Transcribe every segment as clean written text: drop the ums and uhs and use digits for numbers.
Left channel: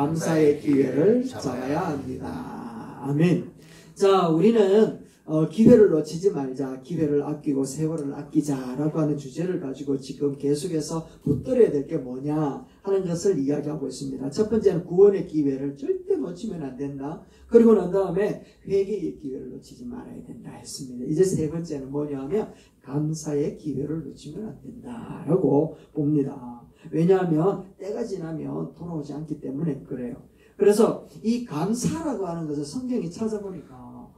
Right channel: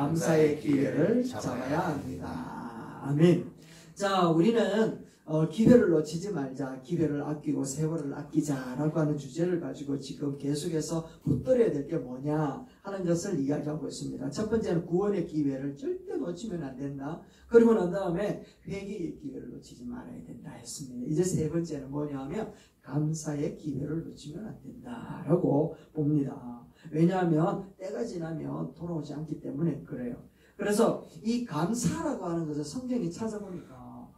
감사의 기회를 잡아야 합니다. 아멘. 자, 우리는 기회를 놓치지 말자, 기회를 아끼고 세월을 아끼자라고 하는 주제를 가지고 지금 계속해서 붙들어야 될 게 뭐냐 하는 것을 이야기하고 있습니다. 첫 번째는 구원의 기회를 절대 놓치면 안 된다. 그리고 난 다음에 회개의 기회를 놓치지 말아야 된다 했습니다. 이제 세 번째는 뭐냐 하면 감사의 기회를 놓치면 안 된다라고 봅니다. 왜냐하면 때가 지나면 돌아오지 않기 때문에 그래요. 그래서 이 감사라고 하는 것을 성경이 찾아보니까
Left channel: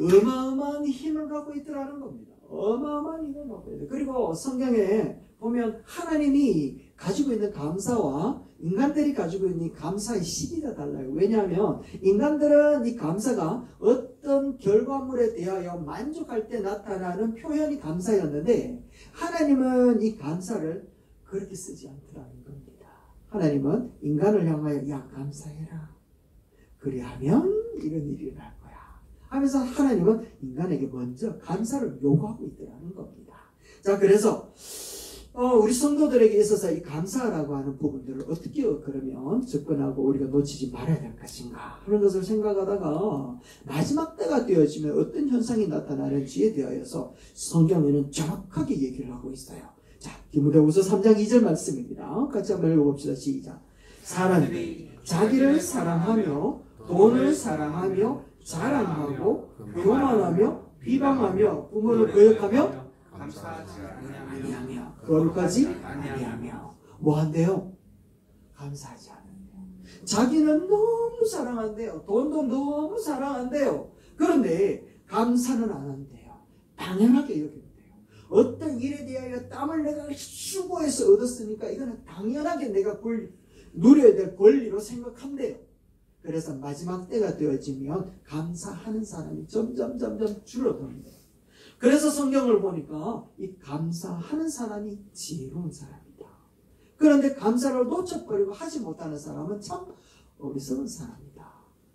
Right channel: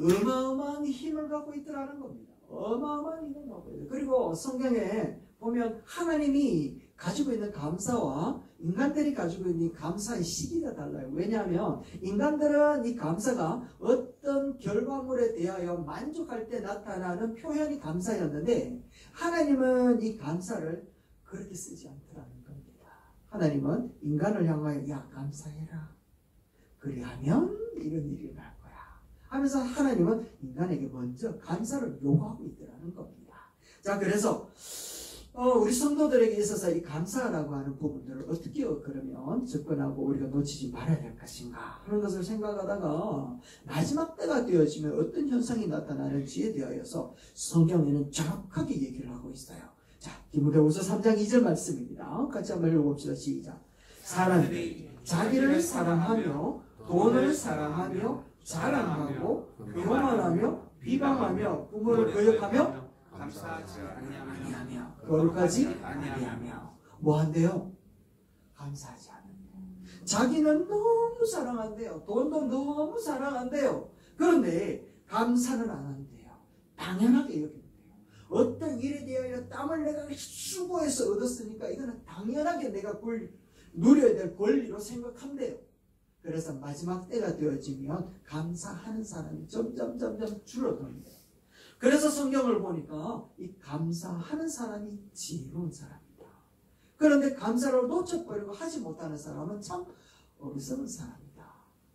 어마어마한 힘을 갖고 있더라는 겁니다. 어마어마한 힘을 갖고 있어요. 그리고 성경에 보면 하나님이 가지고 있는 감사와 인간들이 가지고 있는 감사의 시기가 달라요. 왜냐하면 인간들은 이 감사가 어떤 결과물에 대하여 만족할 때 나타나는 표현이 감사였는데 하나님은 이 감사를 그렇게 쓰지 않더라는 겁니다. 하나님은 인간을 향하여 야 감사해라. 그리하면 이런 일이 일어날 거야 하면서 하나님은 인간에게 먼저 감사를 요구하고 있더라는 겁니다. 자, 그래서 우리 성도들에게 있어서 이 감사라고 하는 부분들을 어떻게 그러면 접근하고 우리가 놓치지 말아야 될 것인가 하는 것을 생각하다가 마지막 때가 되어지면 어떤 현상이 나타나는지에 대하여서 성경에는 정확하게 얘기를 하고 있어요. 자, 디모데후서 3장 2절 말씀입니다. 같이 한번 읽어봅시다. 시작. 사람들이 자기를 사랑하며 돈을 사랑하며 자랑하고 교만하며 비방하며 부모를 거역하며 감사하지 아니하며 거룩하지 아니하며 뭐한대요? 감사하지 않는데요. 자기는 너무 사랑한대요. 돈도 너무 사랑한대요. 그런데 감사는 안 한대요. 당연하게 여긴대요. 어떤 일에 대하여 땀을 내가 수고해서 얻었으니까 이거는 당연하게 내가 누려야 될 권리로 생각한대요. 그래서 마지막 때가 되어지면 감사하는 사람이 점점 줄어듭니다. 그래서 성경을 보니까 이 감사하는 사람이 지혜로운 사람이다. 그런데 감사를 놓쳐버리고 하지 못하는 사람은 참 어리석은 사람이다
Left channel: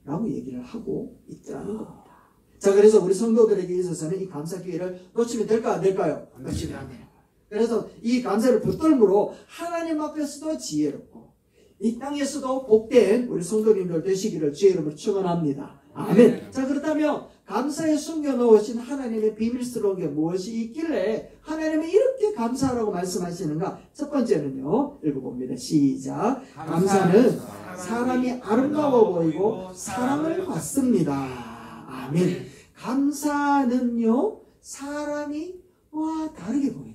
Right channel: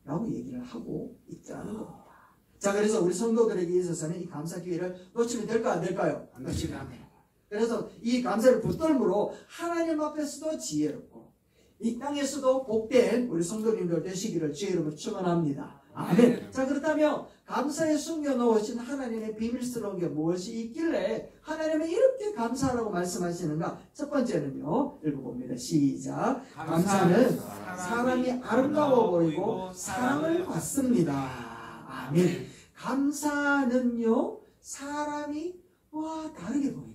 라고 얘기를 하고 있다는 겁니다. 자, 그래서 우리 성도들에게 있어서는 이 감사 기회를 놓치면 될까 안 될까요? 놓치면 안 돼요. 그래서 이 감사를 붙들므로 하나님 앞에서도 지혜롭고 이 땅에서도 복된 우리 성도님들 되시기를 주의 이름으로 축원합니다. 아멘. 자, 그렇다면 감사에 숨겨놓으신 하나님의 비밀스러운 게 무엇이 있길래 하나님이 이렇게 감사하라고 말씀하시는가? 첫 번째는요, 읽어봅니다. 시작. 감사는 사람이 아름다워 보이고 사랑을 받습니다. 아멘. 감사는요, 사람이 다르게 보여요.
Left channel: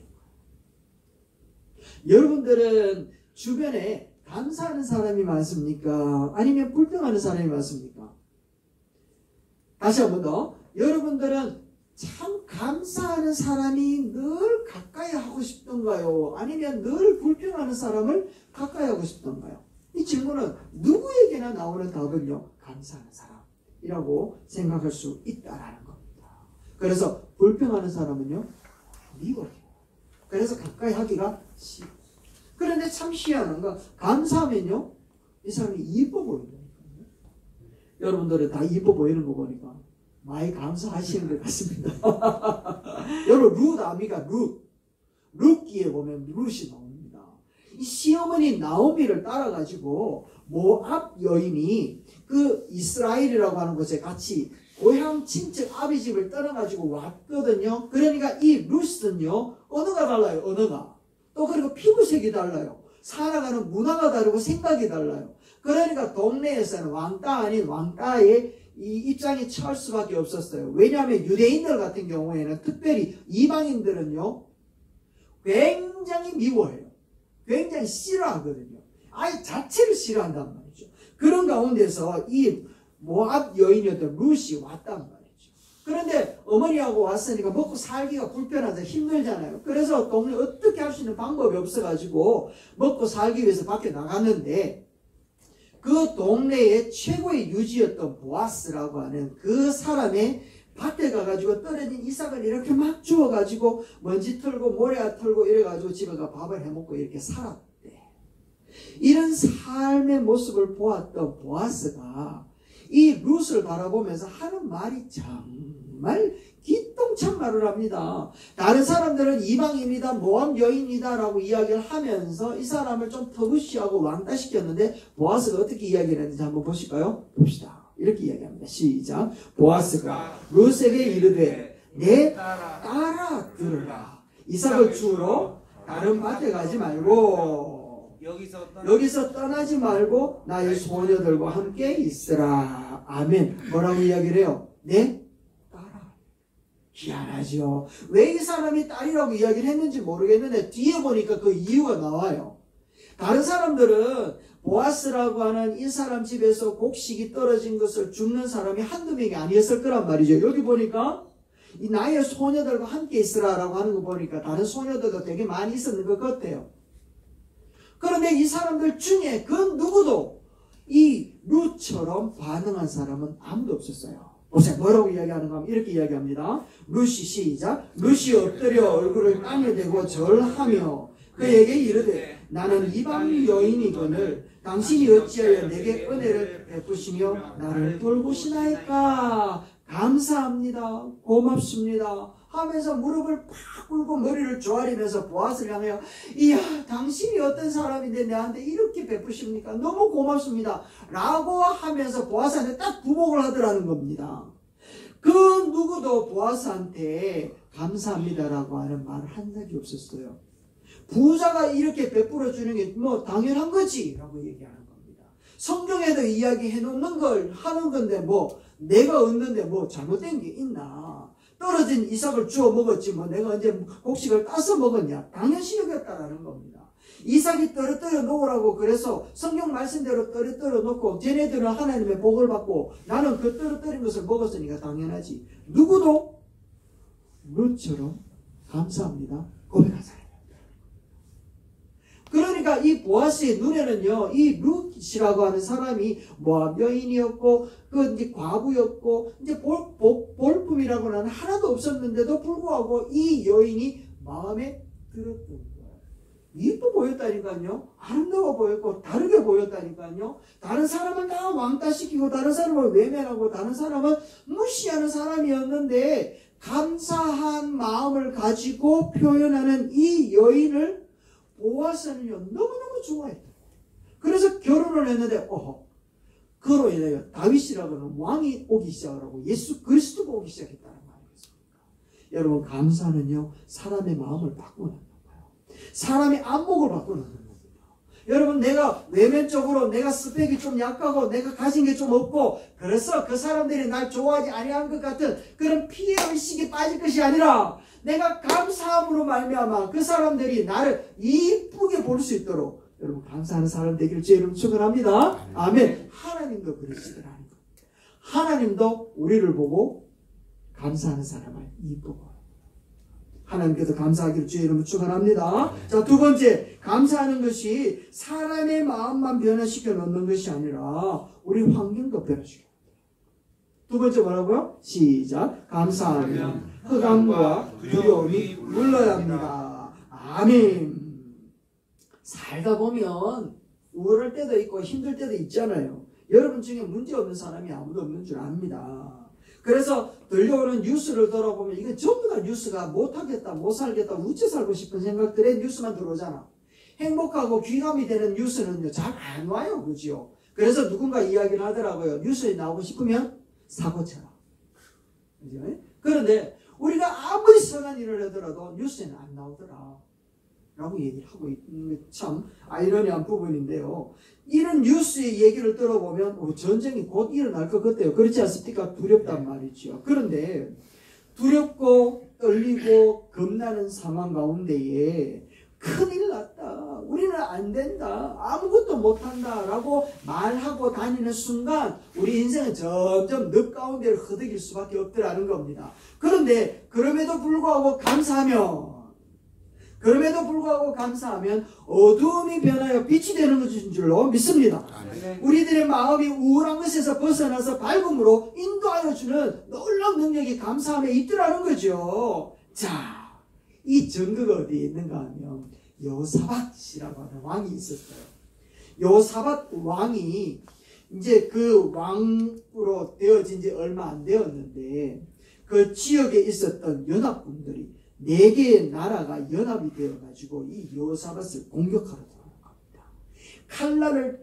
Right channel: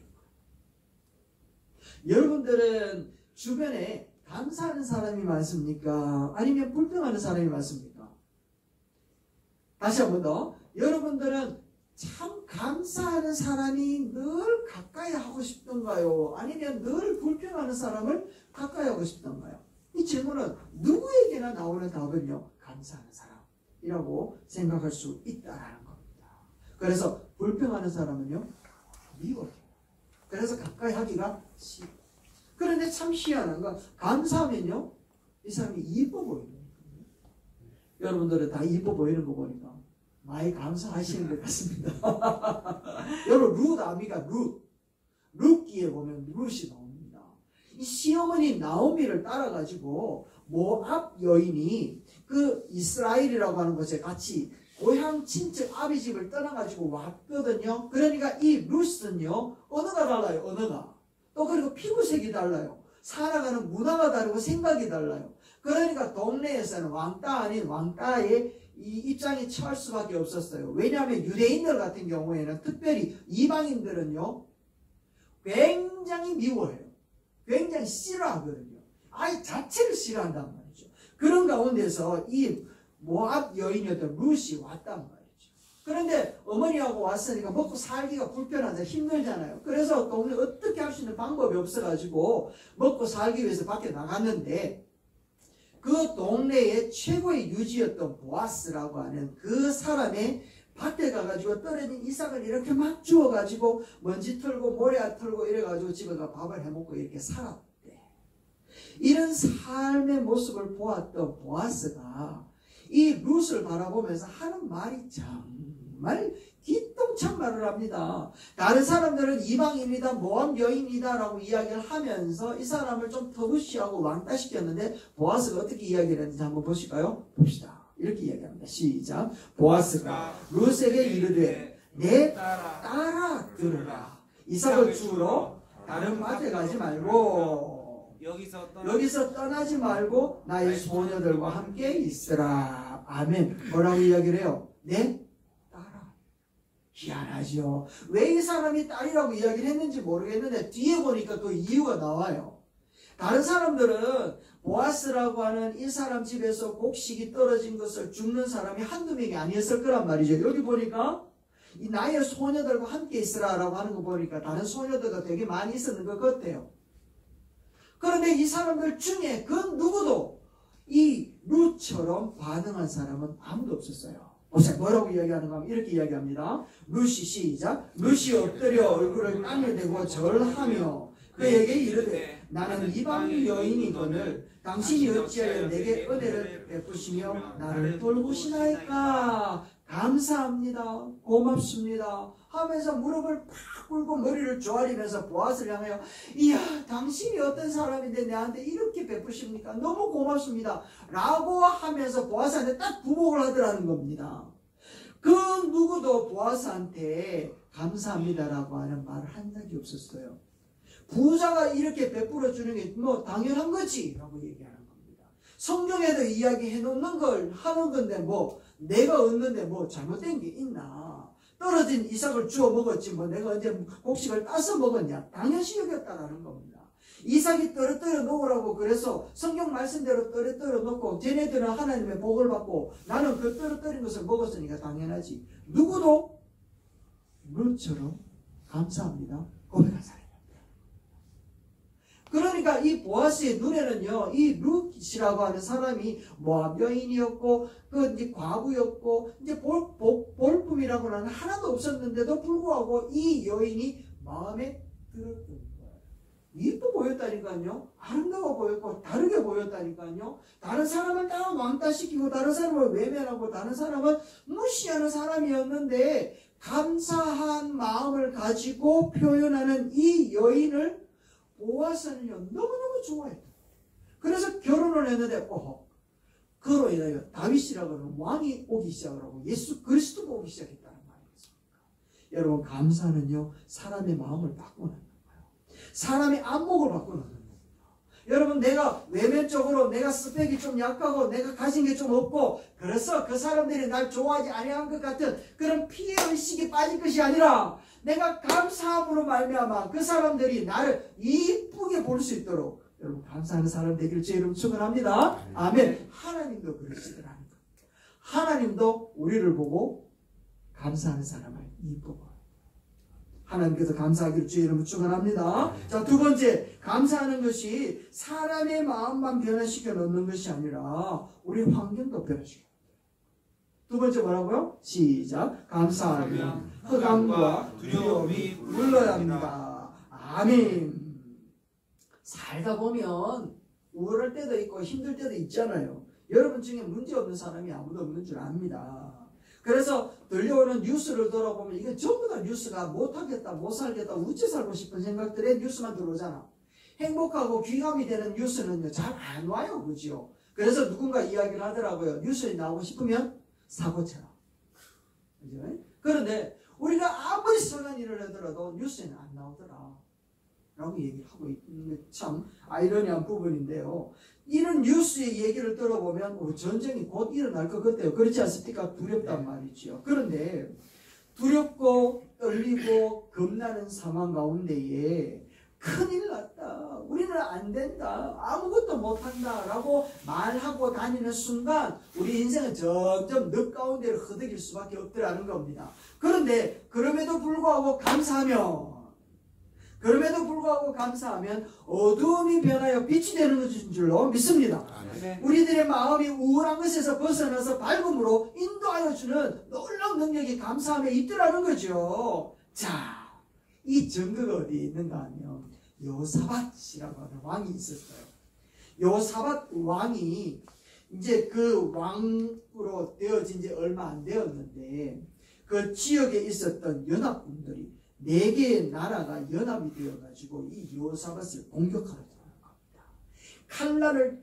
여러분들은 주변에 감사하는 사람이 많습니까? 아니면 불평하는 사람이 많습니까? 다시 한 번 더. 여러분들은 참 감사하는 사람이 늘 가까이 하고 싶던가요? 아니면 늘 불평하는 사람을 가까이 하고 싶던가요? 이 질문은 누구에게나 나오는 답은요, 감사하는 사람이라고 생각할 수 있다는 겁니다. 그래서 불평하는 사람은요, 미워해요. 그래서 가까이 하기가 싫어. 그런데 참 희한한 건 감사하면요, 이 사람이 이뻐 보이는 거예요. 여러분들은 다 이뻐 보이는 거 보니까 많이 감사하시는 것 같습니다. 여러분, 룻 아미가 룻기에 보면 룻이 나옵니다. 이 시어머니 나오미를 따라가지고 모압 여인이 그 이스라엘이라고 하는 곳에 같이 고향 친척 아비 집을 떠나가지고 왔거든요. 그러니까 이 룻은요, 언어가 달라요. 언어가. 또 그리고 피부색이 달라요. 살아가는 문화가 다르고 생각이 달라요. 그러니까 동네에서는 왕따 아닌 왕따의 이 입장이 처할 수밖에 없었어요. 왜냐하면 유대인들 같은 경우에는 특별히 이방인들은요, 굉장히 미워해요. 굉장히 싫어하거든요. 아예 자체를 싫어한단 말이죠. 그런 가운데서 이 모압 여인이었던 룻이 왔단 말이죠. 그런데 어머니하고 왔으니까 먹고 살기가 불편하다, 힘들잖아요. 그래서 동네 어떻게 할 수 있는 방법이 없어가지고 먹고 살기 위해서 밖에 나갔는데, 그 동네의 최고의 유지였던 보아스라고 하는 그 사람의 밭에 가가지고 떨어진 이삭을 이렇게 막 주워가지고 먼지 털고 모래 털고 이래가지고 집에 가 밥을 해먹고 이렇게 살았대. 이런 삶의 모습을 보았던 보아스가 이 룻을 바라보면서 하는 말이 정말 정말 기똥찬 말을 합니다. 다른 사람들은 이방인이다, 모함 여인이다 라고 이야기를 하면서 이 사람을 좀 터부시하고 왕따시켰는데 보아스가 어떻게 이야기를 했는지 한번 보실까요? 봅시다. 이렇게 이야기합니다. 시작. 보아스가 룻에게 이르되 내 따라 들으라. 이삭을 주우러 다른 밭에 가지 말고 여기서 떠나지 말고 나의 소녀들과 함께 있으라. 아멘. 뭐라고 이야기를 해요? 네? 딸아. 희한하죠. 왜 이 사람이 딸이라고 이야기를 했는지 모르겠는데 뒤에 보니까 그 이유가 나와요. 다른 사람들은 보아스라고 하는 이 사람 집에서 곡식이 떨어진 것을 줍는 사람이 한두 명이 아니었을 거란 말이죠. 여기 보니까 이 나의 소녀들과 함께 있으라라고 하는 거 보니까 다른 소녀들도 되게 많이 있었는 것 같아요. 그런데 이 사람들 중에 그 누구도 이 룻처럼 반응한 사람은 아무도 없었어요. 보세요. 뭐라고 이야기하는가 하면 이렇게 이야기합니다. 룻이 시작. 룻이 엎드려 얼굴을 땅에 대고 절하며 그에게 이르되 나는 이방 여인이거늘 당신이 어찌하여 내게 은혜를 베푸시며 나를 돌보시나이까. 감사합니다. 고맙습니다. 하면서 무릎을 팍 꿇고 머리를 조아리면서 보아스를 향하여 이야 당신이 어떤 사람인데 내한테 이렇게 베푸십니까? 너무 고맙습니다. 라고 하면서 보아스한테 딱 부복을 하더라는 겁니다. 그 누구도 보아스한테 감사합니다라고 하는 말을 한 적이 없었어요. 부자가 이렇게 베풀어 주는 게 뭐 당연한 거지 라고 얘기하는 겁니다. 성경에도 이야기해 놓는 걸 하는 건데 뭐 내가 얻는데 뭐 잘못된 게 있나? 떨어진 이삭을 주워 먹었지 뭐 내가 언제 곡식을 따서 먹었냐? 당연시 여겼다라는 겁니다. 이삭이 떨어뜨려 놓으라고 그래서 성경 말씀대로 떨어뜨려 놓고 쟤네들은 하나님의 복을 받고 나는 그 떨어뜨린 것을 먹었으니까 당연하지. 누구도 룻처럼 감사합니다 고백한 사람. 그러니까 이 보아스의 눈에는요, 이 룻이라고 하는 사람이 모압 여인이었고, 그 이제 과부였고, 이제 볼품이라고 하는 하나도 없었는데도 불구하고 이 여인이 마음에 들었던 거예요. 이뻐 보였다니까요. 아름다워 보였고, 다르게 보였다니까요. 다른 사람은 다 왕따시키고, 다른 사람을 외면하고, 다른 사람은 무시하는 사람이었는데, 감사한 마음을 가지고 표현하는 이 여인을 보아스는요 너무너무 좋아했다. 그래서 결혼을 했는데 그로 인하여 다윗이라고 하는 왕이 오기 시작하고 예수 그리스도가 오기 시작했다는 말이겠습니까? 여러분 감사는요 사람의 마음을 바꾸는 거예요. 사람의 안목을 바꾸는 거예요. 여러분 내가 외면적으로 내가 스펙이 좀 약하고 내가 가진 게 좀 없고 그래서 그 사람들이 날 좋아하지 아니한 것 같은 그런 피해의식이 빠질 것이 아니라 내가 감사함으로 말미암아 그 사람들이 나를 이쁘게 볼 수 있도록 여러분 감사하는 사람 되기를 제 이름으로 축원합니다. 아멘. 하나님도 그러시더라는 거예요. 하나님도 우리를 보고 감사하는 사람을 이쁘고 하나님께서 감사하기를 주의 이름으로 축원합니다. 자, 두 번째 감사하는 것이 사람의 마음만 변화시켜 놓는 것이 아니라 우리 환경도 변화시켜. 두 번째 뭐라고요? 시작. 감사하면 흑암과 두려움이 물러야 합니다. 아멘. 살다 보면 우울할 때도 있고 힘들 때도 있잖아요. 여러분 중에 문제 없는 사람이 아무도 없는 줄 압니다. 그래서 들려오는 뉴스를 들어보면 이게 전부 다 뉴스가 못하겠다, 못 살겠다, 우째 살고 싶은 생각들의 뉴스만 들어오잖아. 행복하고 귀감이 되는 뉴스는 잘 안 와요. 그죠? 그래서 누군가 이야기를 하더라고요. 뉴스에 나오고 싶으면 사고 쳐라. 그죠? 그런데 우리가 아무리 선한 일을 하더라도 뉴스에는 안 나오더라. 라고 얘기를 하고 있는 게 참 아이러니한 부분인데요. 이런 뉴스의 얘기를 들어보면 전쟁이 곧 일어날 것 같아요. 그렇지 않습니까? 두렵단 말이죠. 그런데 두렵고 떨리고 겁나는 상황 가운데에 큰일 났다. 우리는 안 된다. 아무것도 못한다. 라고 말하고 다니는 순간 우리 인생은 점점 늪 가운데를 흐득일 수밖에 없더라는 겁니다. 그런데 그럼에도 불구하고 감사하면 어두움이 변하여 빛이 되는 것인 줄로 믿습니다. 우리들의 마음이 우울한 것에서 벗어나서 밝음으로 인도하여 주는 놀라운 능력이 감사함에 있더라는 거죠. 자, 이 증거가 어디에 있는가 하면 여호사밧이라고 하는 왕이 있었어요. 여호사밧 왕이 이제 그 왕으로 되어진 지 얼마 안 되었는데 그 지역에 있었던 연합군들이 4개의 나라가 연합이 되어가지고 이 여호사밧을 공격하러 들어온 겁니다. 칼날을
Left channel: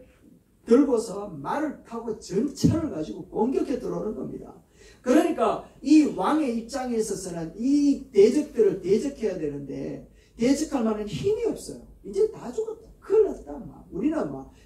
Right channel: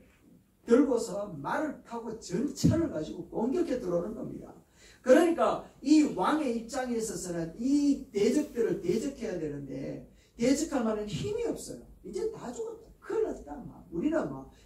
들고서 말을 타고 전차를 가지고 공격해 들어오는 겁니다. 그러니까 이 왕의 입장에 있어서는 이 대적들을 대적해야 되는데 대적할 만한 힘이 없어요. 이제 다 죽었다. 큰일 났다. 우리는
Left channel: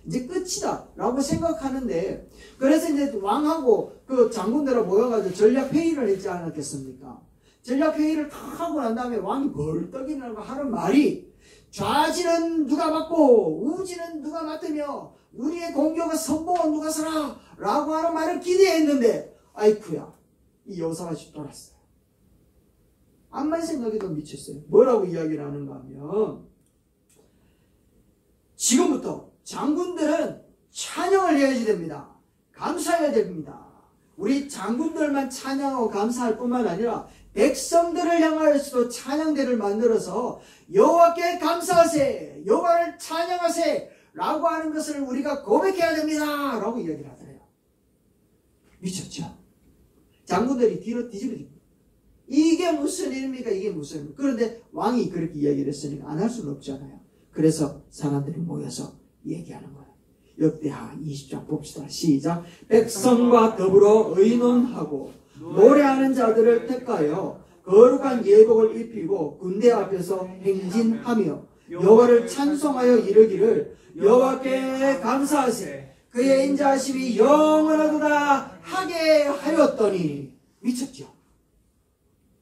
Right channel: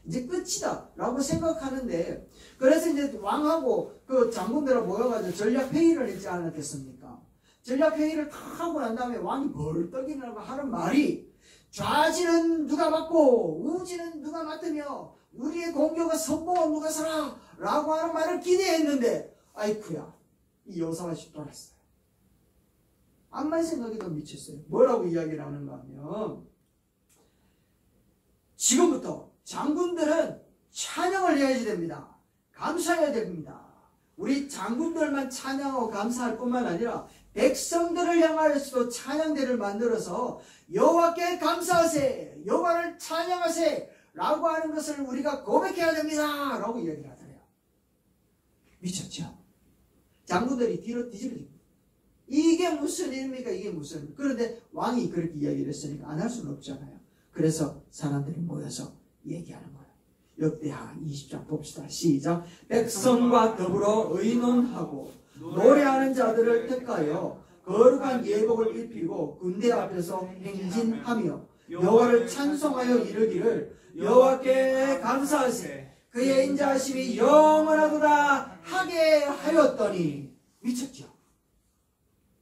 이제 끝이다. 라고 생각하는데 그래서 이제 왕하고 그 장군들하고 모여가지고 전략회의를 했지 않았겠습니까? 전략회의를 다 하고 난 다음에 왕이 벌떡 일어나고 하는 말이 좌지는 누가 맡고 우지는 누가 맡으며 우리의 공격과 선봉은 누가 서라 라고 하는 말을 기대했는데 아이쿠야 이 여호사밧이 떠났어요. 암만 생각해도 미쳤어요. 뭐라고 이야기를 하는가 하면 지금부터 장군들은 찬양을 해야지 됩니다. 감사해야 됩니다. 우리 장군들만 찬양하고 감사할 뿐만 아니라 백성들을 향하여서도 찬양대를 만들어서 여호와께 감사하세 여호와를 찬양하세 라고 하는 것을 우리가 고백해야 됩니다 라고 이야기를 하더래요. 미쳤죠? 장군들이 뒤로 뒤집어집니다. 이게 무슨 일입니까? 이게 무슨 일입니까? 그런데 왕이 그렇게 이야기를 했으니까 안 할 수는 없잖아요. 그래서 사람들이 모여서 얘기하는 거예요. 역대하 20장 봅시다. 시작. 백성과 더불어 의논하고 노래하는 자들을 택하여 거룩한 예복을 입히고 군대 앞에서 행진하며 여호와를 찬송하여 이르기를 여호와께 감사하세 그의 인자하심이 영원하도다 하게 하였더니 미쳤죠.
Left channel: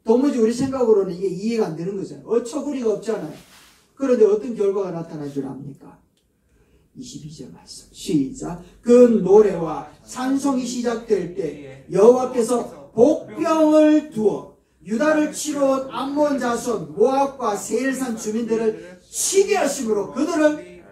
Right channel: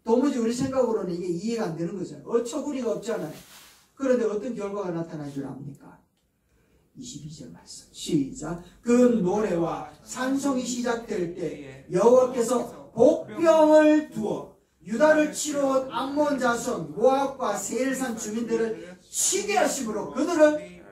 도무지 우리 생각으로는 이게 이해가 안 되는 거잖아요. 어처구니가 없잖아요. 그런데 어떤 결과가 나타난 줄 압니까? 22절 말씀 시작. 그 노래와 찬송이 시작될 때 여호와께서 복병을 두어 유다를 치러 온 암몬 자손 모압과 세일산 주민들을 치게 하심으로 그들을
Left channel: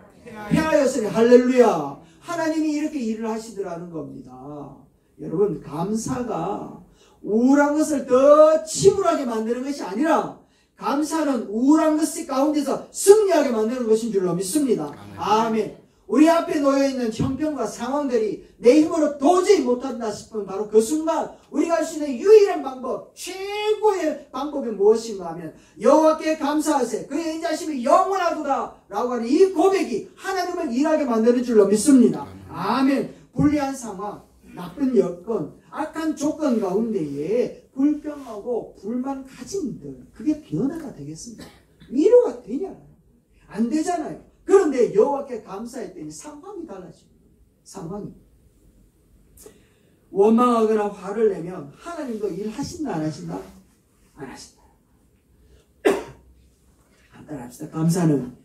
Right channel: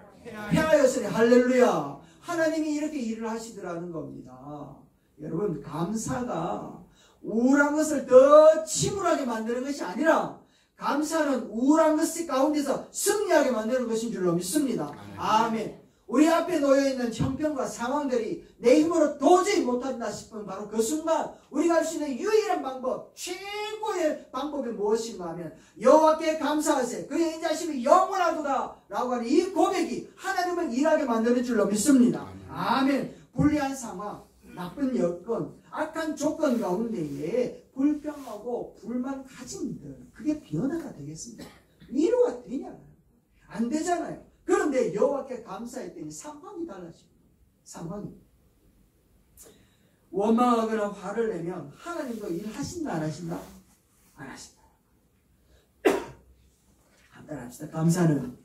패하였으니 할렐루야. 하나님이 이렇게 일을 하시더라는 겁니다. 여러분 감사가 우울한 것을 더 침울하게 만드는 것이 아니라 감사는 우울한 것 가운데서 승리하게 만드는 것인 줄로 믿습니다. 아멘. 우리 앞에 놓여있는 형편과 상황들이 내 힘으로 도저히 못한다 싶으면 바로 그 순간 우리가 할 수 있는 유일한 방법, 최고의 방법이 무엇인가 하면 여호와께 감사하세 그의 인자심이 영원하도다 라고 하는 이 고백이 하나님을 일하게 만드는 줄로 믿습니다. 아멘. 불리한 상황, 나쁜 여건, 악한 조건 가운데에 불평하고 불만 가진들 그게 변화가 되겠습니다. 위로가 되냐? 안 되잖아요. 그런데 여호와께 감사했더니 상황이 달라집니다. 상황이. 원망하거나 화를 내면 하나님도 일하신다 안 하신다? 안 하신다. 한번 합시다. 감사는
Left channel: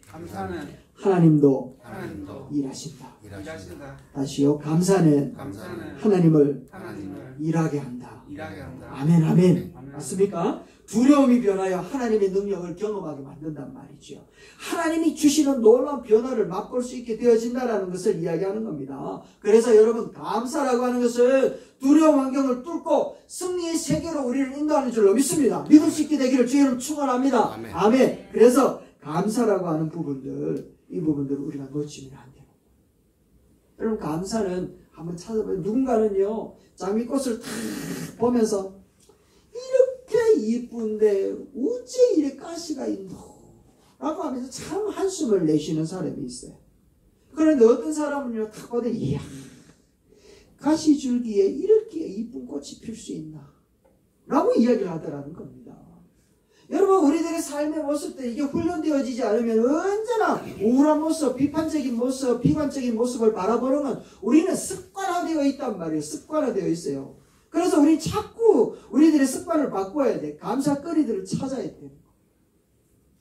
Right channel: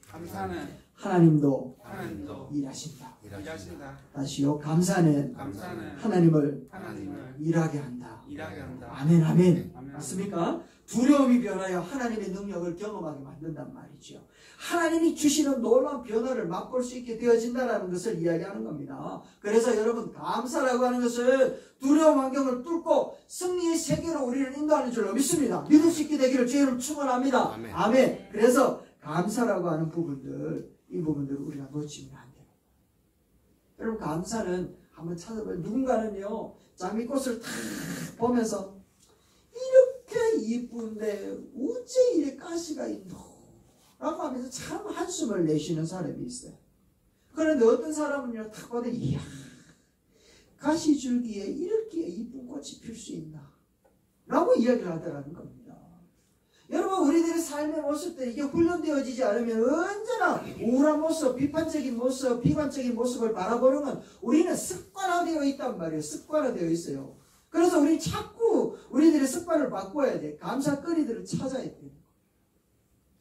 하나님도 일하신다. 다시요. 감사는 하나님을 일하게 한다. 아멘 아멘. 맞습니까? 두려움이 변하여 하나님의 능력을 경험하게 만든단 말이죠. 하나님이 주시는 놀라운 변화를 맛볼 수 있게 되어진다는 것을 이야기하는 겁니다. 그래서 여러분 감사라고 하는 것은 두려운 환경을 뚫고 승리의 세계로 우리를 인도하는 줄로 믿습니다. 믿을 수 있게 되기를 주의로 축원합니다. 아멘. 아멘. 그래서 감사라고 하는 부분들 이 부분들을 우리가 놓치면 안 돼요. 여러분 감사는 한번 찾아봐요. 누군가는요 장미꽃을 탁 보면서 이렇게 이쁜데 어째 이래 가시가 있노 라고 하면서 참 한숨을 내쉬는 사람이 있어요. 그런데 어떤 사람은요 탁 봐도 이야 가시줄기에 이렇게 이쁜 꽃이 필 수 있나 라고 이야기를 하더라는 겁니다. 여러분 우리들의 삶의 모습도 이게 훈련되어지지 않으면 언제나 우울한 모습, 비판적인 모습, 비관적인 모습을 바라보는 건 우리는 습관화되어 있단 말이에요. 습관화되어 있어요. 그래서 우리 자꾸 우리들의 습관을 바꿔야 돼. 감사거리들을 찾아야 돼.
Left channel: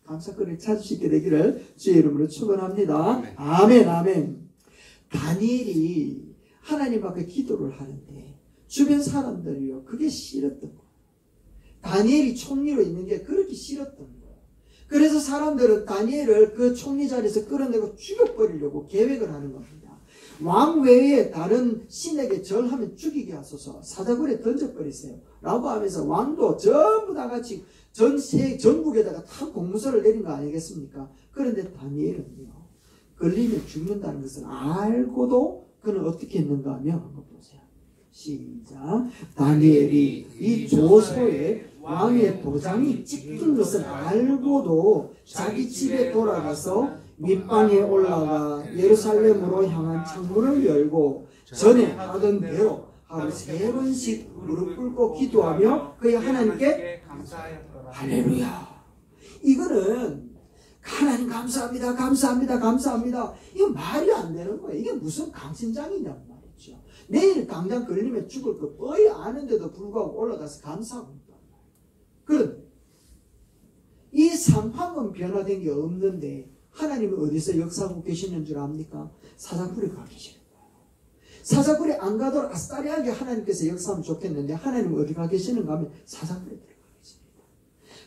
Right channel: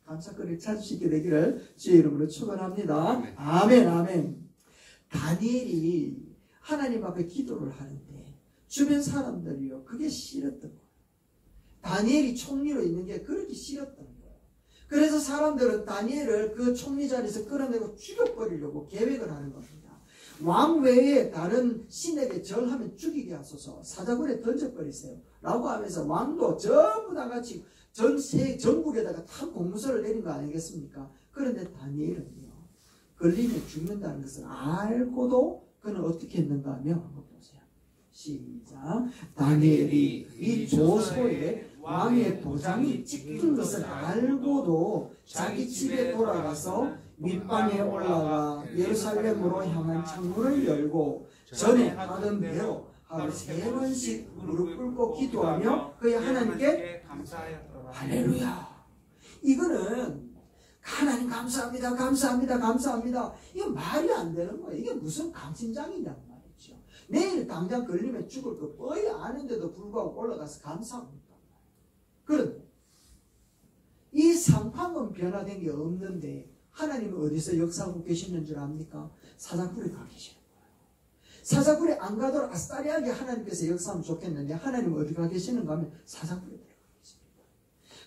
감사거리를 찾을 수 있게 되기를 주의 이름으로 축원합니다. 아멘 아멘. 다니엘이 하나님 앞에 기도를 하는데 주변 사람들이요 그게 싫었던 거예요. 다니엘이 총리로 있는 게 그렇게 싫었던 거예요. 그래서 사람들은 다니엘을 그 총리 자리에서 끌어내고 죽여버리려고 계획을 하는 겁니다. 왕 외에 다른 신에게 절하면 죽이게 하소서 사자굴에 던져버리세요 라고 하면서 왕도 전부 다 같이 전국에다가 다 공문서를 내린 거 아니겠습니까? 그런데 다니엘은요 걸리면 죽는다는 것을 알고도 그는 어떻게 했는가 하면 한번 보세요. 시작. 다니엘이 이 조서에 왕의 도장이 찍힌 것을 알고도 자기 집에 돌아가서 밑방에 올라가 예루살렘으로 향한 창문을 열고 전에 하던 대로 하루 3번씩 무릎 꿇고 기도하며 그의 하나님께 감사하였더라. 할렐루야. 이거는 하나님 감사합니다, 감사합니다, 감사합니다. 이거 말이 안 되는 거예요. 이게 무슨 강심장이냐고 말이죠. 내일 당장 걸리면 죽을 거 뻔히 아는데도 불구하고 올라가서 감사합니다. 그런데 이 상황은 변화된 게 없는데 하나님은 어디서 역사하고 계시는 줄 압니까? 사자굴에 가 계시는 거예요. 사자굴에 안 가도록 아싸리하게 하나님께서 역사하면 좋겠는데 하나님은 어디 가 계시는가 하면 사자굴에 들어가 계십니다.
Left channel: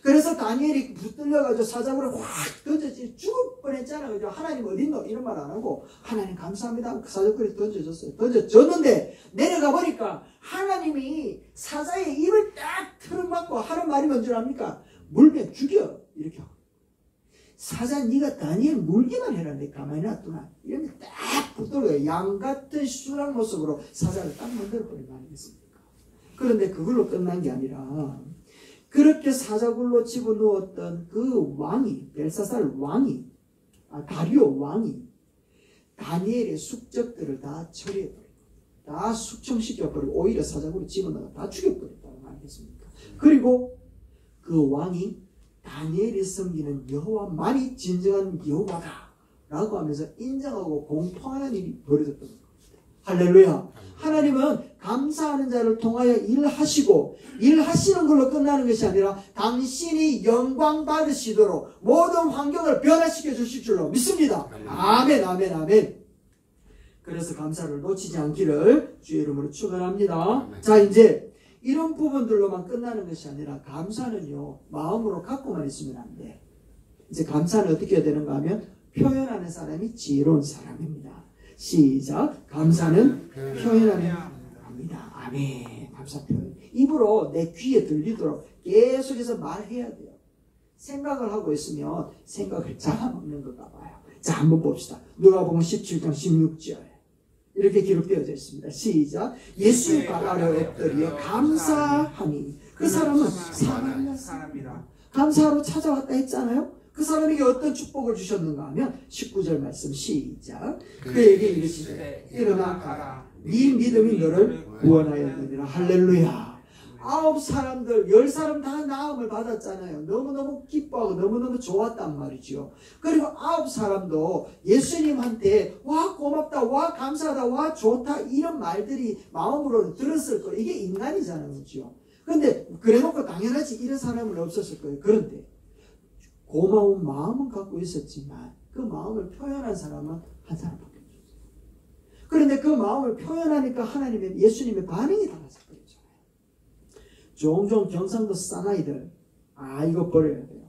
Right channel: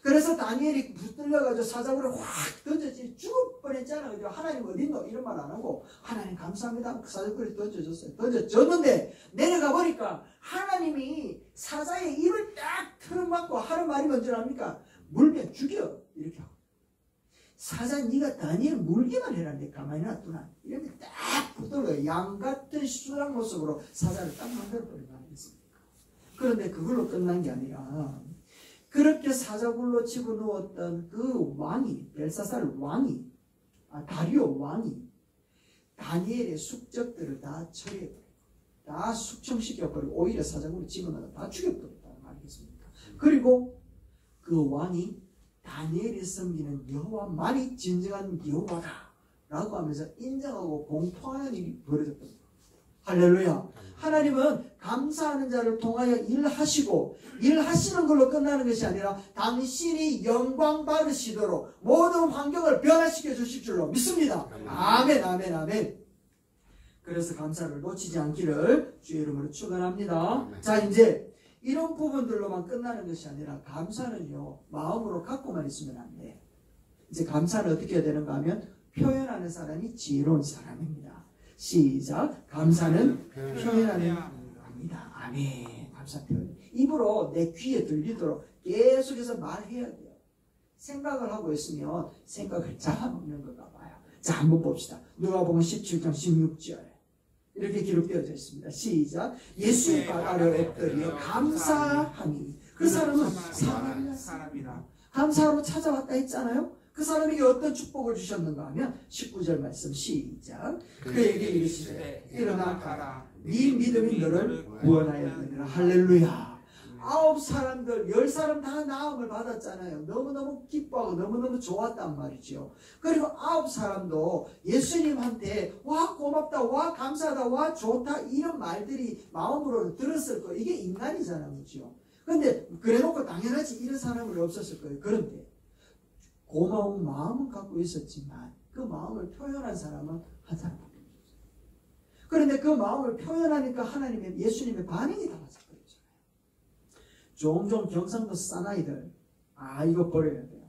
그래서 다니엘이 붙들려가지고 사자굴에 확 던져지 죽을 뻔했잖아요. 그죠? 하나님 어디 있노? 이런 말 안 하고 하나님 감사합니다. 그 사자굴에 던져줬어요. 던져줬는데 내려가 보니까 하나님이 사자의 입을 딱 틀어막고 하는 말이 뭔지 압니까? 물면 죽여. 이렇게 하고. 사자 네가 다니엘 물기만 해라. 내 가만히 놔두나. 이렇게 딱 붙들어요. 양 같은 순한 모습으로 사자를 딱 만들어버린 거 아니겠습니까? 그런데 그걸로 끝난 게 아니라 그렇게 사자굴로 집어넣었던 그 왕이 벨사살 왕이 다리오 왕이 다니엘의 숙적들을 다 처리해버리고 다 숙청시켜버리고 오히려 사자굴로 집어넣어 다 죽여버렸다는 거 아니겠습니까? 그리고 그 왕이 다니엘이 섬기는 여호와만이 진정한 여호와다 라고 하면서 인정하고 공포하는 일이 벌어졌던 겁니다. 할렐루야. 하나님은 감사하는 자를 통하여 일하시고 일하시는 걸로 끝나는 것이 아니라 당신이 영광 받으시도록 모든 환경을 변화시켜 주실 줄로 믿습니다. 아멘, 아멘, 아멘. 그래서 감사를 놓치지 않기를 주의 이름으로 축원합니다. 자, 이제 이런 부분들로만 끝나는 것이 아니라 감사는요 마음으로 갖고만 있으면 안 돼. 이제 감사는 어떻게 해야 되는가 하면 표현하는 사람이 지혜로운 사람입니다. 시작. 감사는 표현하는 사람입니다. 아멘. 감사 표현. 입으로 내 귀에 들리도록 계속해서 말해야 돼요. 생각을 하고 있으면 생각을 잡아먹는 것가 봐요. 자, 한번 봅시다. 누가복음 17장 16절. 이렇게 기록되어져 있습니다. 시작. 예수의 발 아래 엎드려 감사하니 그 사람은 사랑하는 사람이라. 감사로 찾아왔다 했잖아요. 그 사람에게 어떤 축복을 주셨는가 하면 19절 말씀 시작. 그에게 이르시되 일어나 가라. 네 믿음이 너를 구원하였느니라. 할렐루야. 9사람들 10사람 다 나음을 받았잖아요. 너무너무 기뻐하고 너무너무 좋았단 말이죠. 그리고 9사람도 예수님한테 와 고맙다, 와 감사하다, 와 좋다 이런 말들이 마음으로 들었을 거예요. 이게 인간이잖아요. 그렇죠? 그런데 그래놓고 당연하지 이런 사람은 없었을 거예요. 그런데 고마운 마음은 갖고 있었지만 그 마음을 표현한 사람은 한 사람밖에 없었어요. 그런데 그 마음을 표현하니까 하나님의 예수님의 반응이 달라졌어요. 종종 경상도 사나이들 이거 버려야 돼요.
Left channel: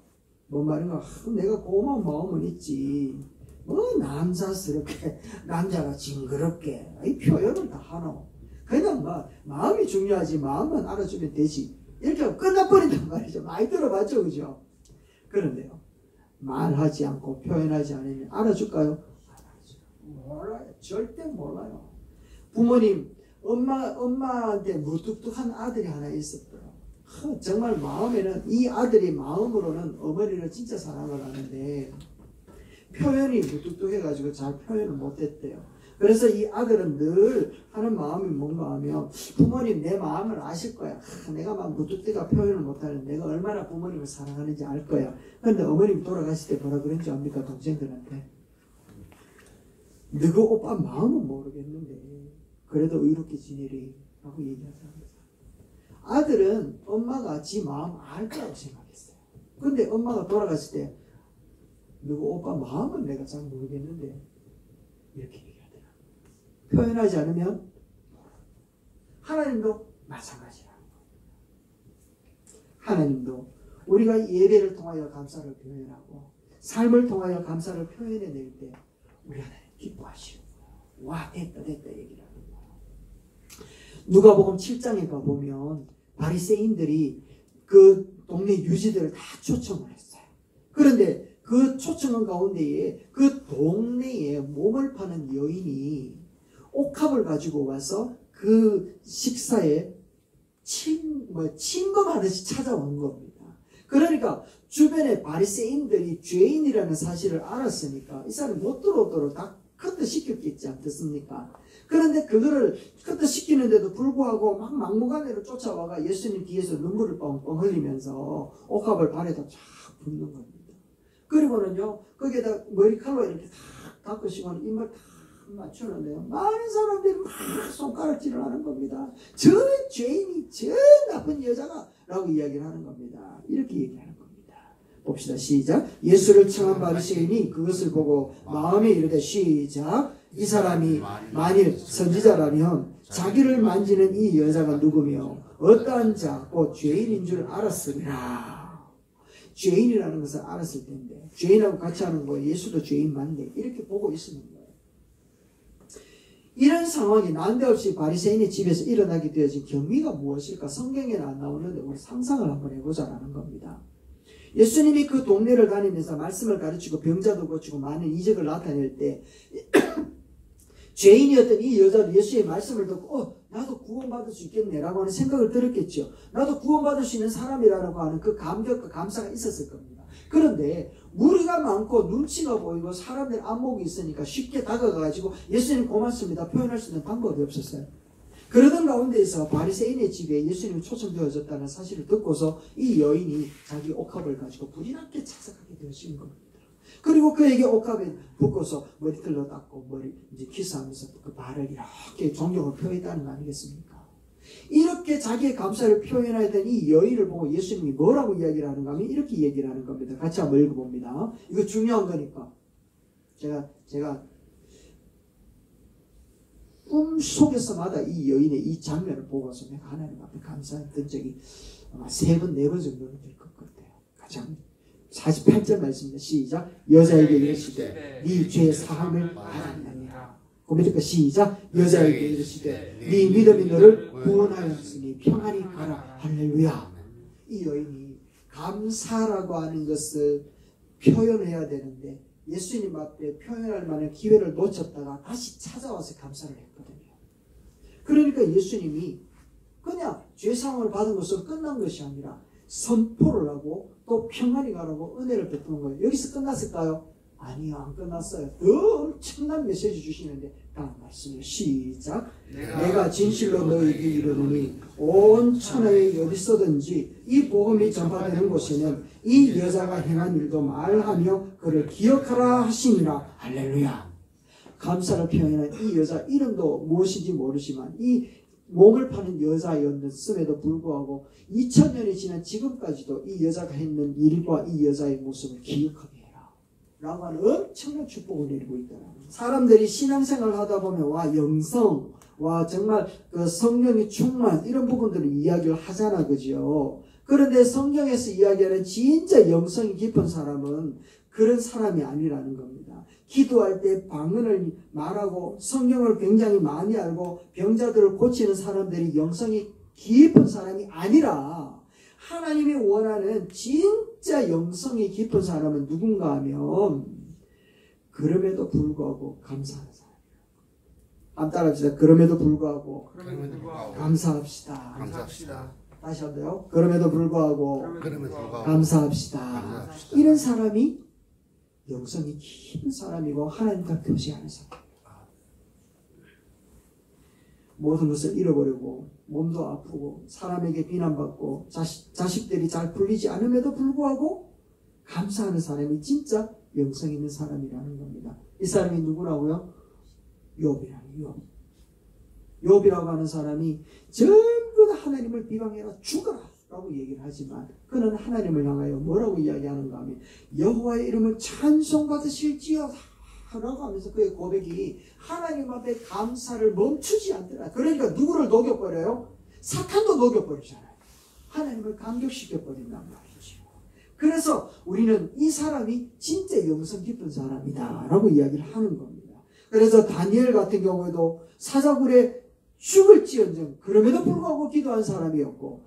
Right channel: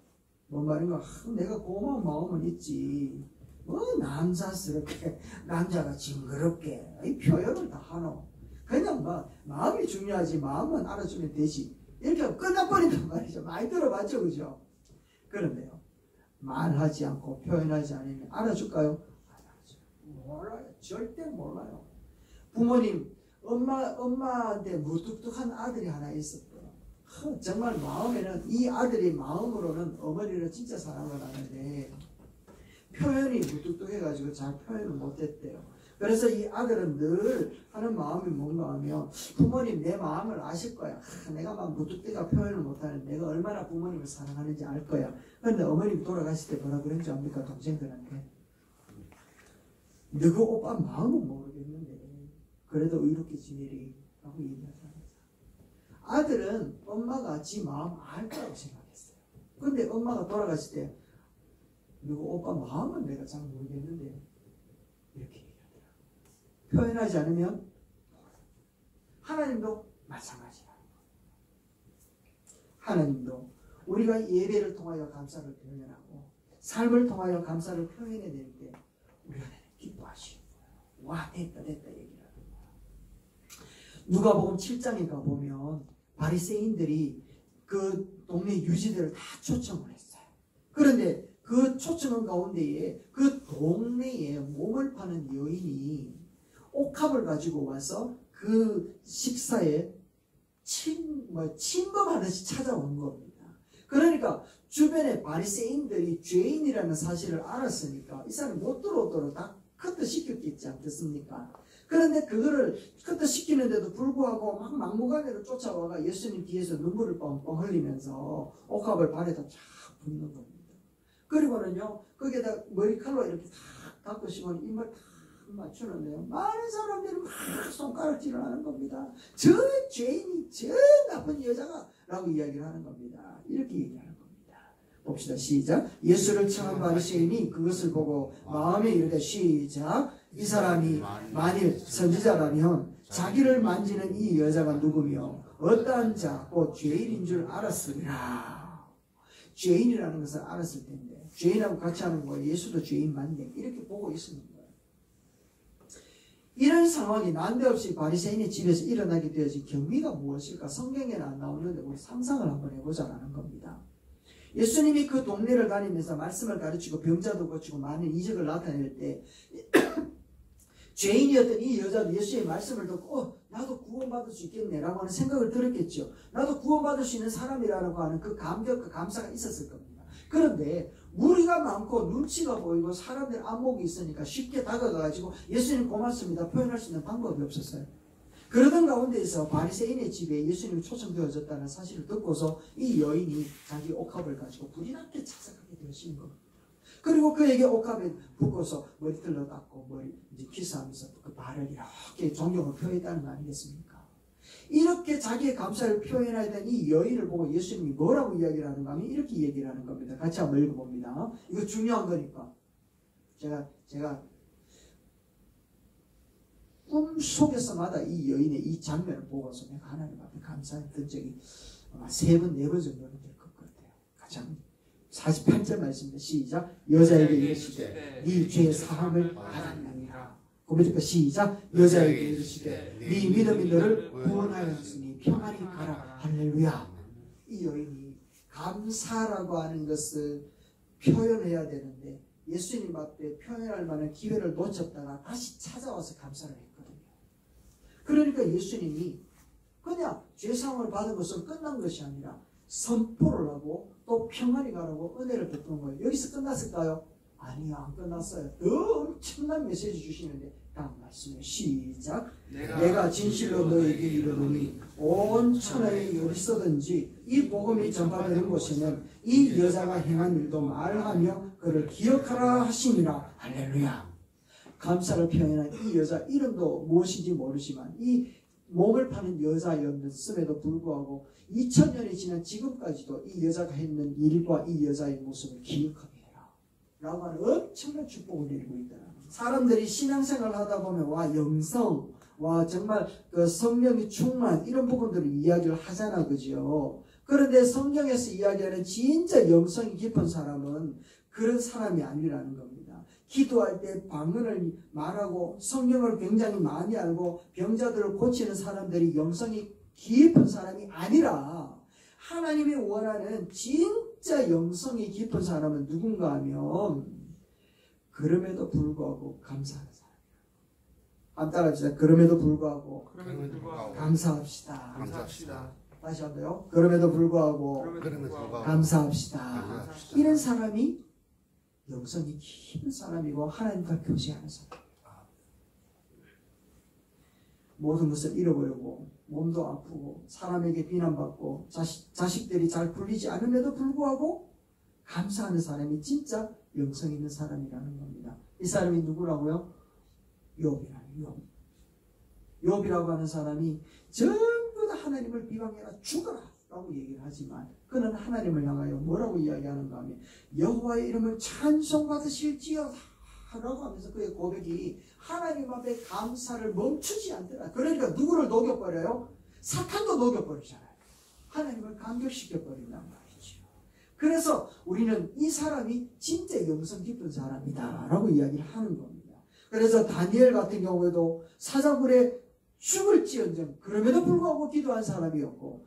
뭔 말인가? 내가 고마운 마음은 있지. 뭐 남자스럽게 남자가 징그럽게 이 표현을 다 하노. 그냥 뭐 마음이 중요하지. 마음만 알아주면 되지. 이렇게 하고 끝나버린단 말이죠. 많이 들어봤죠, 그죠? 그런데요, 말하지 않고 표현하지 않으면 알아줄까요? 몰라요. 절대 몰라요. 부모님, 엄마한테 무뚝뚝한 아들이 하나 있었더라. 정말 마음에는 이 아들이 마음으로는 어머니를 진짜 사랑을 하는데 표현이 무뚝뚝해가지고 잘 표현을 못했대요. 그래서 이 아들은 늘 하는 마음이 뭔가 하면 부모님 내 마음을 아실 거야. 내가 막 무뚝뚝하게 표현을 못하는데 내가 얼마나 부모님을 사랑하는지 알 거야. 그런데 어머님 돌아가실 때 뭐라 그랬는지 압니까? 동생들한테 너그 오빠 마음은 모르겠는데 그래도 의롭게 지내리 라고 얘기하잖아요. 아들은 엄마가 지 마음 알 거라고 생각했어요. 근데 엄마가 돌아갔을 때 누구 오빠 마음은 내가 잘 모르겠는데 이렇게 얘기하더라. 표현하지 않으면 하나님도 마찬가지야. 하나님도 우리가 예배를 통하여 감사를 표현하고 삶을 통하여 감사를 표현해낼 때 우리 하나님 기뻐하시는 거예요. 와 됐다 얘기를 하는 거예요. 누가복음 7장에 가보면 바리새인들이 그 동네 유지들을 다 초청을 했어요. 그런데 그 초청한 가운데에 그 동네에 몸을 파는 여인이 옥합을 가지고 와서 그 그 식사에 침범하듯이 찾아온 겁니다. 그러니까 주변의 바리새인들이 죄인이라는 사실을 알았으니까 이 사람이 못 들어오도록 다 커트시켰겠지 않겠습니까? 그런데 그거를 커트시키는데도 불구하고 막 막무가내로 쫓아와가 예수님 뒤에서 눈물을 뻥뻥 흘리면서 옥합을 발에다 쫙 붓는 겁니다. 그리고는요 거기에다 머리칼로 이렇게 탁 닦으시고 입을 탁 맞추는데요 많은 사람들이 막 손가락질을 하는 겁니다. 저 죄인이 저 나쁜 여자가 라고 이야기를 하는 겁니다. 이렇게 얘기하는 겁니다. 봅시다. 시작. 예수를 청한 바리새인이 그것을 보고 마음에 이르되 시작. 이 사람이 만일 선지자라면 자기를 만지는 이 여자가 누구며 어떠한 자 곧 죄인인 줄 알았으리라. 죄인이라는 것을 알았을 텐데 죄인하고 같이 하는 거예요. 예수도 죄인 맞네 이렇게 보고 있는 거예요. 이런 상황이 난데없이 바리새인의 집에서 일어나게 되어진 경위가 무엇일까? 성경에는 안 나오는데 우리 상상을 한번 해보자라는 겁니다. 예수님이 그 동네를 다니면서 말씀을 가르치고 병자도 고치고 많은 이적을 나타낼 때 죄인이었던 이 여자도 예수의 말씀을 듣고 나도 구원받을 수 있겠네라고 하는 생각을 들었겠죠. 나도 구원받을 수 있는 사람이라고 하는 그 감격과 감사가 있었을 겁니다. 그런데 무리가 많고 눈치가 보이고 사람들 안목이 있으니까 쉽게 다가가가지고 예수님 고맙습니다 표현할 수 있는 방법이 없었어요. 그러던 가운데에서 바리새인의 집에 예수님이 초청되어졌다는 사실을 듣고서 이 여인이 자기 옥합을 가지고 불이 나게 찾아가게 되어진 겁니다. 그리고 그에게 옥합에 붓고서 머리털로 닦고 머리 이제 키스하면서 그 발을 이렇게 존경을 표했다는 거 아니겠습니까? 이렇게 자기의 감사를 표현하던 이 여인을 보고 예수님이 뭐라고 이야기를 하는가 하면 이렇게 얘기를 하는 겁니다. 같이 한번 읽어봅니다. 이거 중요한 거니까. 제가 꿈속에서마다 이 여인의 이 장면을 보고서 내가 하나님 앞에 감사했던 적이 아마 3번, 4번 정도는 될 것 같아요. 같이 한번 48절 말씀입니다. 시작. 여자에게 이르시되 네 죄 사함을 받았느니라. 고백과 시작. 여자에게 이르시되 네 믿음이 너를 구원하였으니 평안히 가라. 할렐루야. 이 여인이 감사라고 하는 것을 표현해야 되는데 예수님 앞에 표현할 만한 기회를 놓쳤다가 다시 찾아와서 감사를 했거든요. 그러니까 예수님이 그냥 죄사함을 받은 것은 끝난 것이 아니라 선포를 하고 또 평안히 가라고 은혜를 베푼 거예요. 여기서 끝났을까요? 아니요, 안 끝났어요. 더 엄청난 메시지 주시는데 다음 말씀을 시작. 내가 진실로 너희에게 이르노니 온 천하에 어디서든지 이 복음이 전파되는 곳에는 이 여자가 행한 일도 말하며 그를 기억하라 하시니라. 할렐루야. 감사를 표현한 이 여자 이름도 무엇인지 모르지만 이 몸을 파는 여자였음에도 불구하고 2000년이 지난 지금까지도 이 여자가 했는 일과 이 여자의 모습을 기억하게 해라 라고 하는 엄청난 축복을 내리고 있다. 사람들이 신앙생활을 하다 보면 와 영성, 와 정말 그 성령의 충만 이런 부분들을 이야기를 하잖아, 그죠? 그런데 성경에서 이야기하는 진짜 영성이 깊은 사람은 그런 사람이 아니라는 겁니다. 기도할 때 방언을 말하고 성경을 굉장히 많이 알고 병자들을 고치는 사람들이 영성이 깊은 사람이 아니라 하나님이 원하는 진짜 영성이 깊은 사람은 누군가 하면 그럼에도 불구하고 감사하는 사람이에요. 한번 따라합시다. 그럼에도 불구하고 감사합시다. 다시 한번요. 그럼에도 불구하고 감사합시다. 이런 사람이 영성이 깊은 사람이고 하나님과 교제하는 사람. 모든 것을 잃어버리고 몸도 아프고 사람에게 비난받고 자식들이 잘 풀리지 않음에도 불구하고 감사하는 사람이 진짜 영성 있는 사람이라는 겁니다. 이 사람이 누구라고요? 욥이라는 욥이라고 하는 사람이 전부 다 하나님을 비방해라 죽어라 라고 얘기를 하지만 그는 하나님을 향하여 뭐라고 이야기하는가 하면 여호와의 이름을 찬송받으실지어다 라고 하면서 그의 고백이 하나님 앞에 감사를 멈추지 않더라. 그러니까 누구를 녹여버려요? 사탄도 녹여버리잖아요. 하나님을 감격시켜버린단 말이죠. 그래서 우리는 이 사람이 진짜 영성 깊은 사람이다 라고 이야기를 하는 겁니다. 그래서 다니엘 같은 경우에도 사자굴에 죽을지언정 그럼에도 불구하고 기도한 사람이었고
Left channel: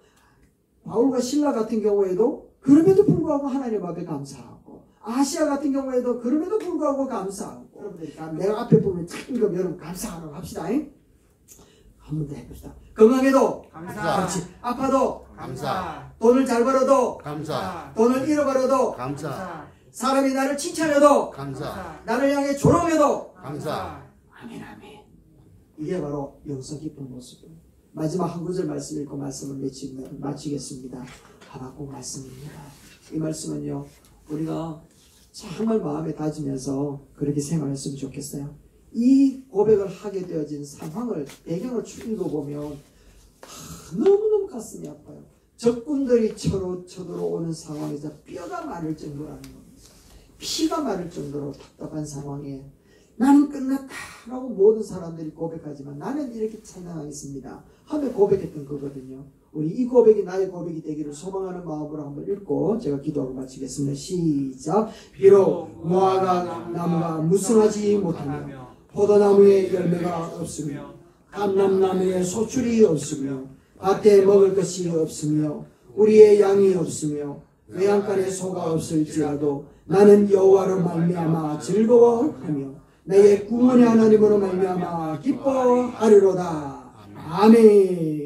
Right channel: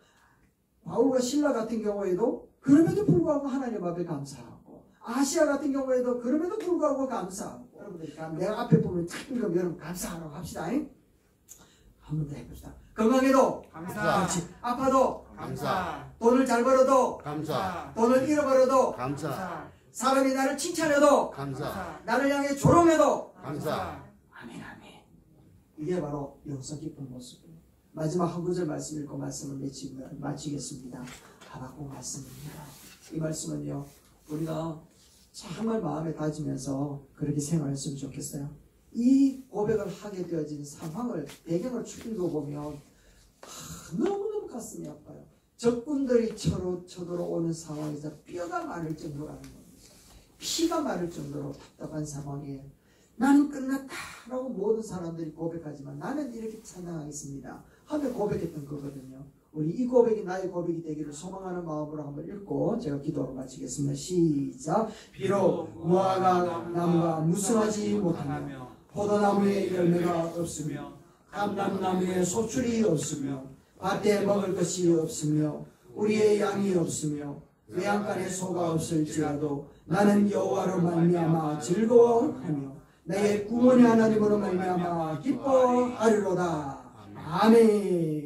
바울과 실라 같은 경우에도 그럼에도 불구하고 하나님 앞에 감사하고 아시아 같은 경우에도 그럼에도 불구하고 감사하고 여러분들이 내가 앞에 보면 참 여러분 감사하라고 합시다. 한 번 더 해봅시다. 건강해도 감사. 그렇지. 아파도 감사. 돈을 잘 벌어도 감사. 돈을 잃어버려도 감사. 사람이 나를 칭찬해도 감사. 나를 향해 조롱해도 감사. 아멘 아멘. 이게 바로 용서 깊은 모습입니다. 마지막 한 구절 말씀 읽고 말씀을 마치겠습니다. 하박국 말씀입니다. 이 말씀은요 우리가 정말 마음에 다지면서 그렇게 생각했으면 좋겠어요. 이 고백을 하게 되어진 상황을 배경을 쭉 읽어보면 너무너무 가슴이 아파요. 적군들이 쳐들어오는 상황에서 뼈가 마를 정도로 하는 겁니다. 피가 마를 정도로 답답한 상황에 나는 끝났다라고 모든 사람들이 고백하지만 나는 이렇게 찬양하겠습니다 하며 고백했던 거거든요. 우리 이 고백이 나의 고백이 되기를 소망하는 마음으로 한번 읽고 제가 기도로 마치겠습니다. 시작. 비록 무화과 나무가 무성하지 못하며 포도나무에 열매가 없으며 감람나무에 소출이 없으며 밭에 먹을 것이 없으며 우리의 양이 없으며 외양간에 소가 없을지라도 나는 여호와로 말미암아 즐거워하며 나의 구원의 하나님으로 말미암아 기뻐하리로다. 아멘.